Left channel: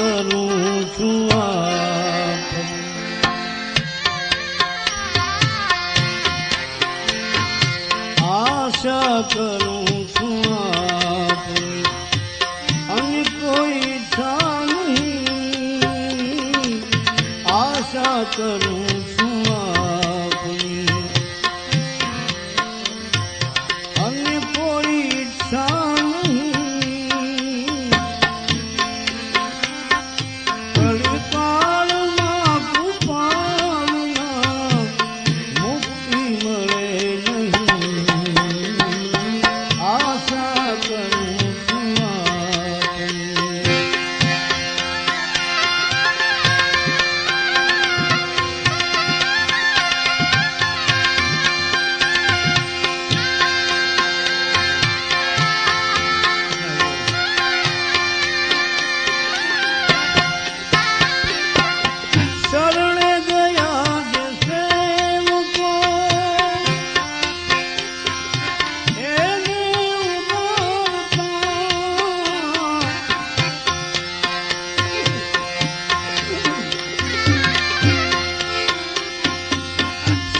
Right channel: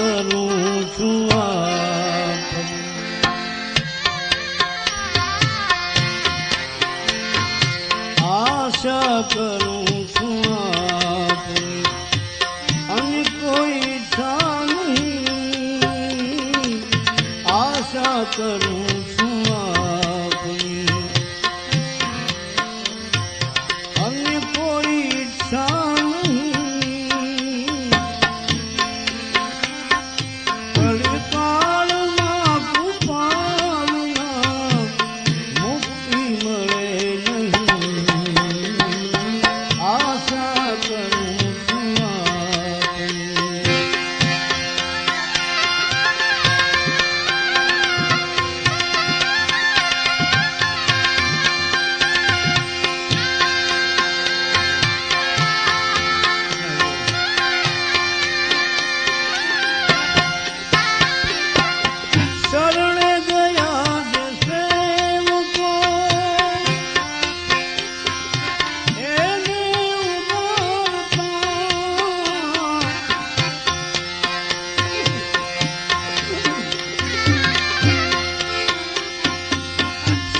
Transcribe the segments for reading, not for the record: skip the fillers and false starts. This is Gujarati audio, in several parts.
કરું છું આશા કરું છું અને કોઈ ઈચ્છા નહીં આશા કરું છું અને કોઈ ઈચ્છા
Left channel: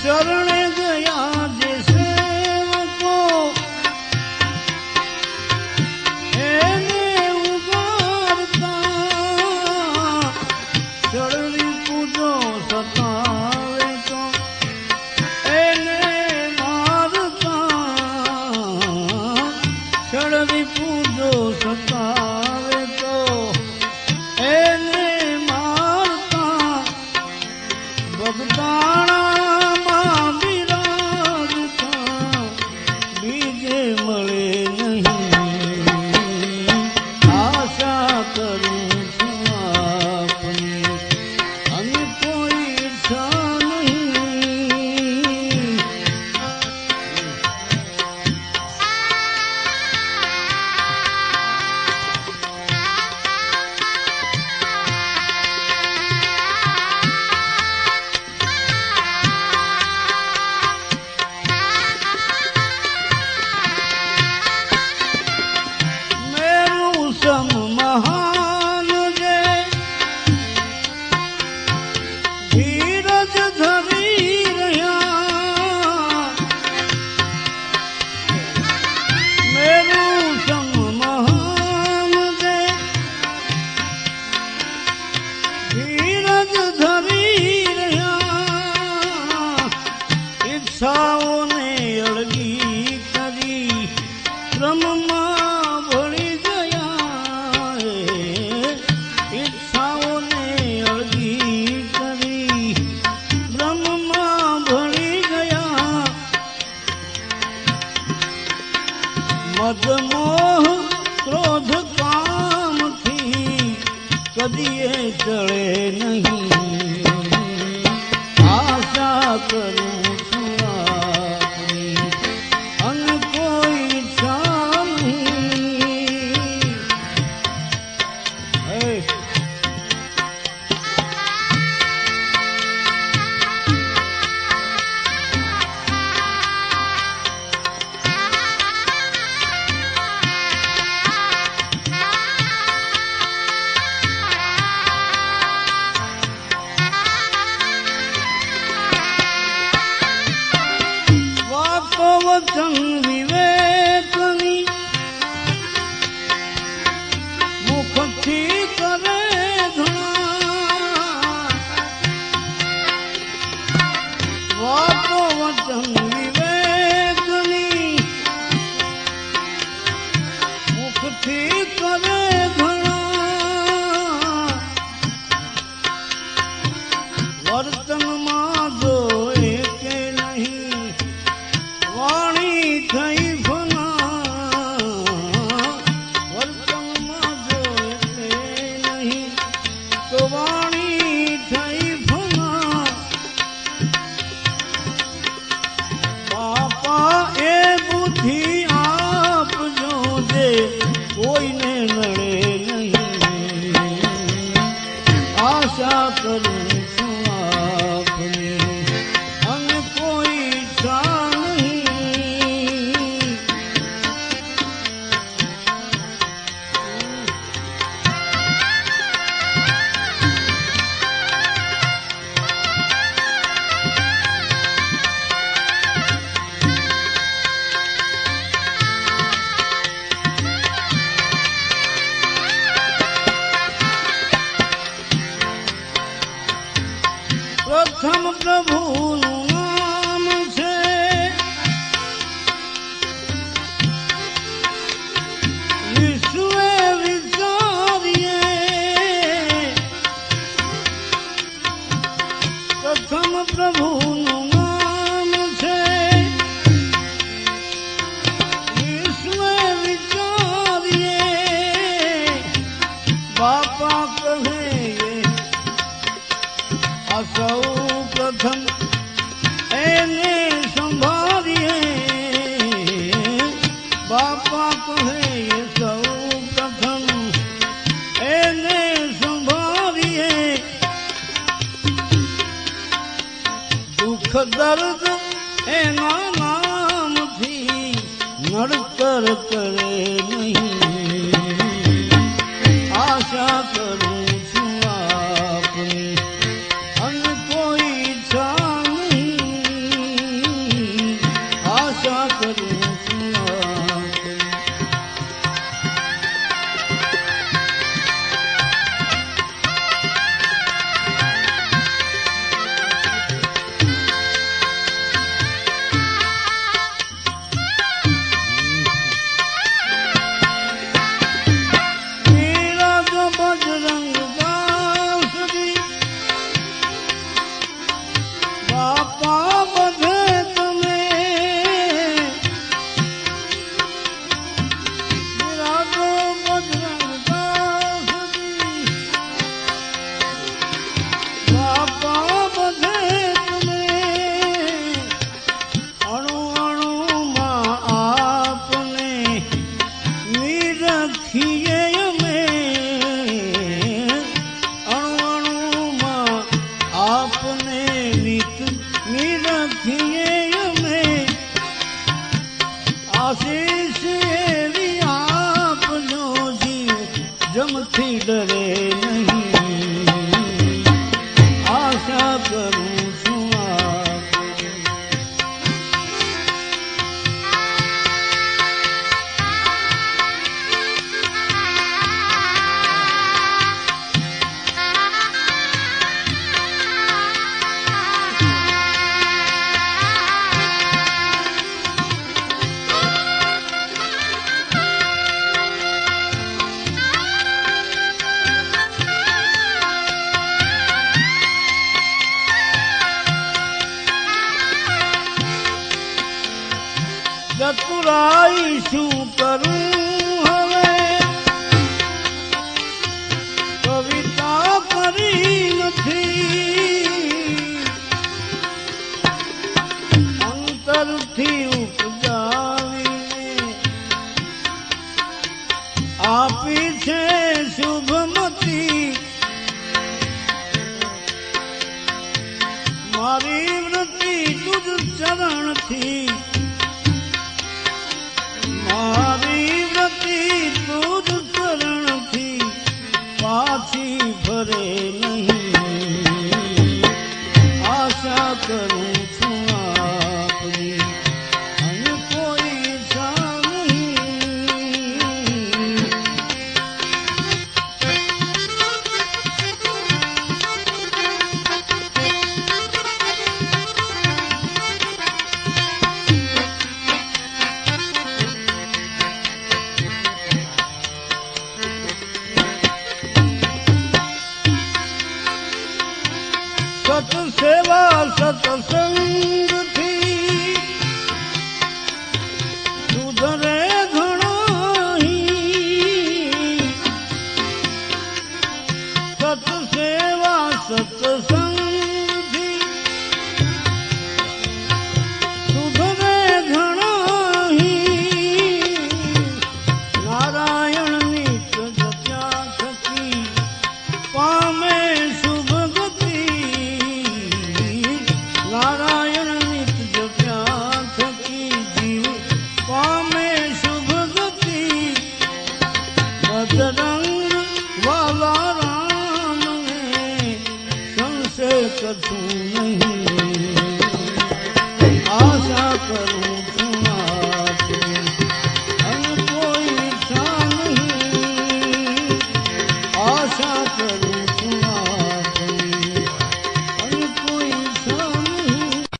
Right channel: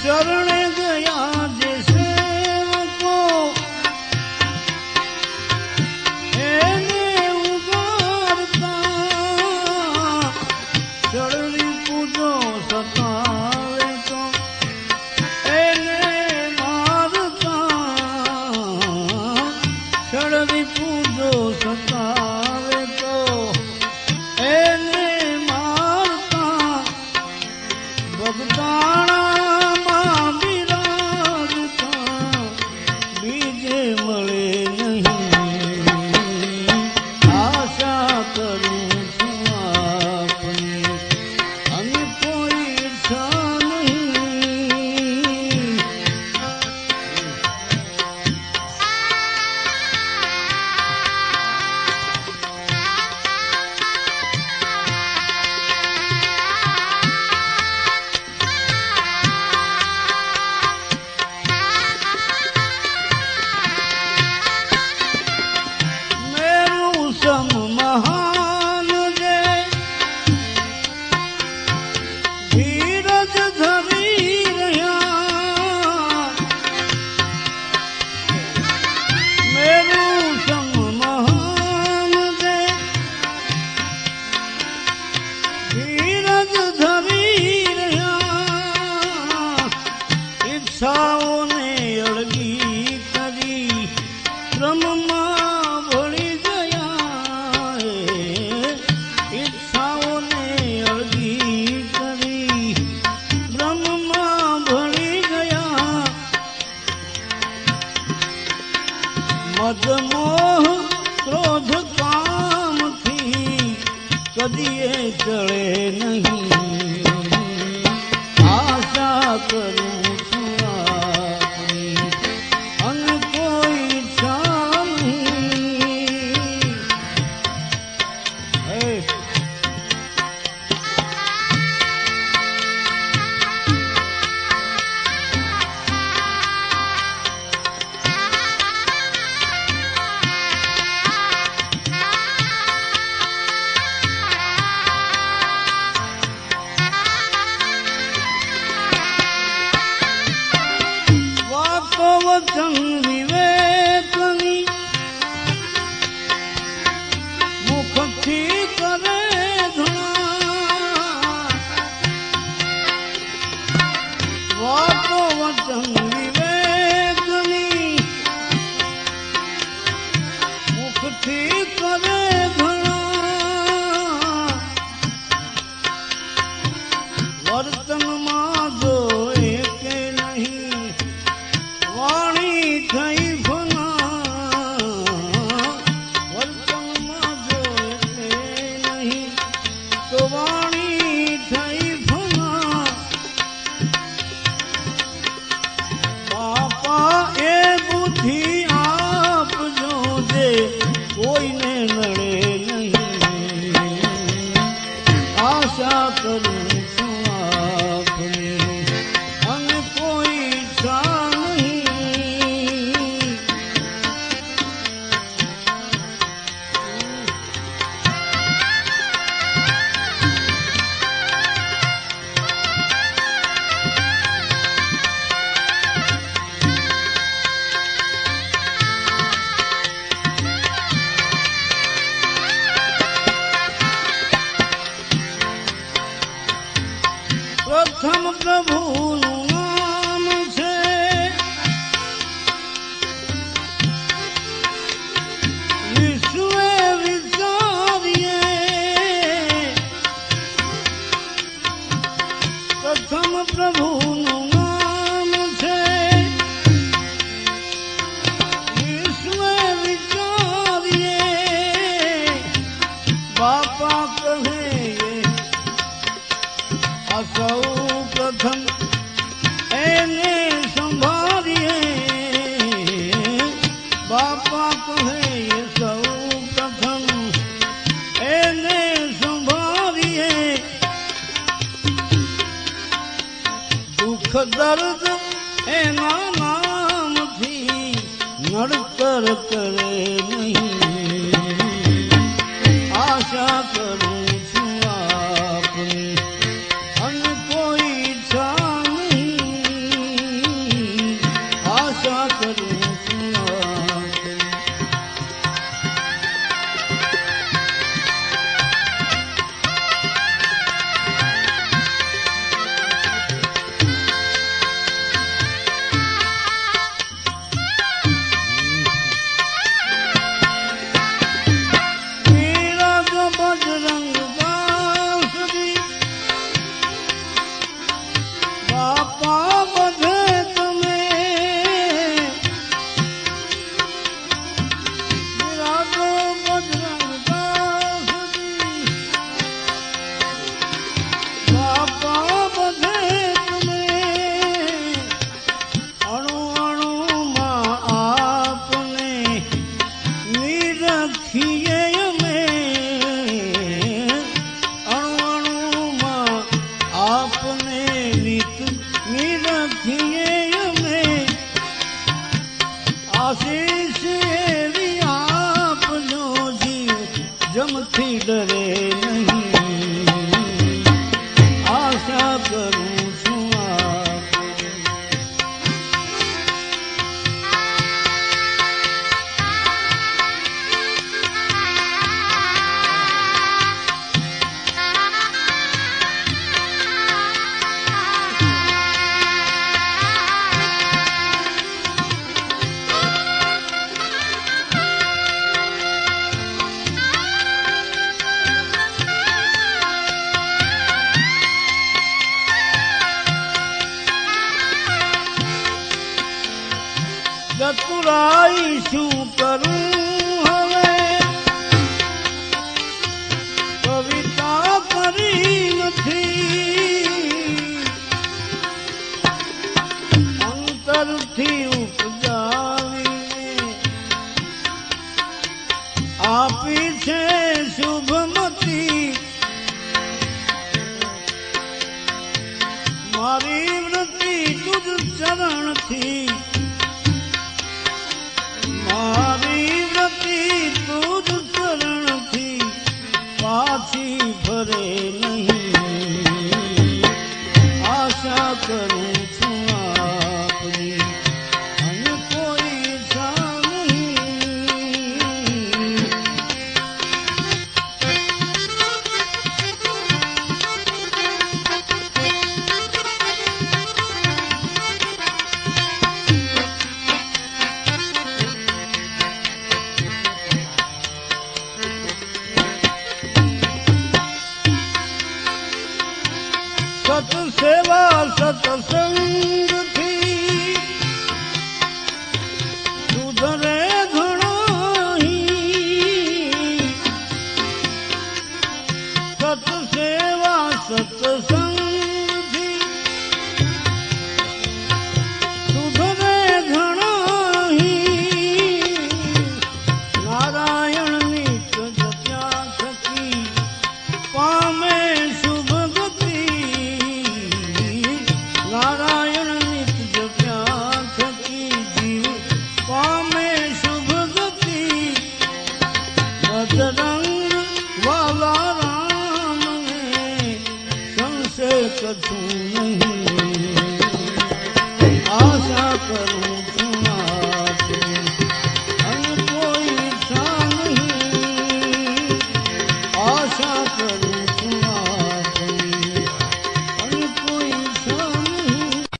શરણે ગયા જે સેવકો એને ઉગારતા શરણી પૂજો સતાવે તો એને મારતા શરણી પૂજો સતાવે તો એને મારતા ભગતાણા મહાન જે ધીરજ ધરી રહ્યા મેરું સંગ મહાન જે ધીરજ ધરી રહ્યા ઈચ્છાઓને અળગી કરી ક્રમમાં ભળી મદમોહ ક્રોધ કામથી કદીએ ચડે નહીં આશા કરું છું અને કોઈ ઈચ્છા નહીં વચન વિવેકની મુખથી કરે વાતો વચન વિવેકની મુખથી કરે ઘણા વર્તનમાં જોએ કે નહીં વાણી થઈ ભના વર્તનમાં જોએ નહીં તો વાણી થઈ ભના પ્રભુનું નામ છે. વિશ્વે વિચારીએ પ્રથમ પ્રભુનું નામ છે. વિશ્વે વિચારીએ બાપા કહે આ સૌ પ્રથમ એને સંભાળીએ. બાપા કહે સૌ પ્રથમ એને સંભાળીએ. દુઃખ દર્દ એના નામથી નડતર કરે નહીં. આશા કરું છું આપની અને કોઈ ઈચ્છા નહીં. આશા કરું છું આપની. બજરંગ દાસજી બાપા બધે તમે બિરાજો. બજરંગ દાસજી બાપા બધે તમે અણુ અણુમાં આપને નિરખીએ. આપને નિત નિરખીએ અમે. આશીષ એવી આપજો જીવ જમથી ડરે નહીં. આશા કરું છું ચતુરાઈ શું કરું હવે. કવિતા કરી નથી અંતરથી ઉપજાવીને આપી છે શુભમતી. મારી વૃત્તિ તુજ ચરણથી. મારી વૃત્તિ તુજ ચરણથી પાછી ફરે નહીં. આશા કરું છું આપની અને કોઈ ઈચ્છા નહીં. સત સેવા સત્સંગથી સુધરે ઘણાહી. સત સેવા સત્સંગથી સુધરે ઘણાહી. નારાયણની જપ્યા થકી પામે શુભ ગતિ. નારાયણ નિત જપ્યા થકી જીવ પામે શુભ ગતિ. બજરંગ વાલા રામને સંશય કશું નહીં. આશા કરું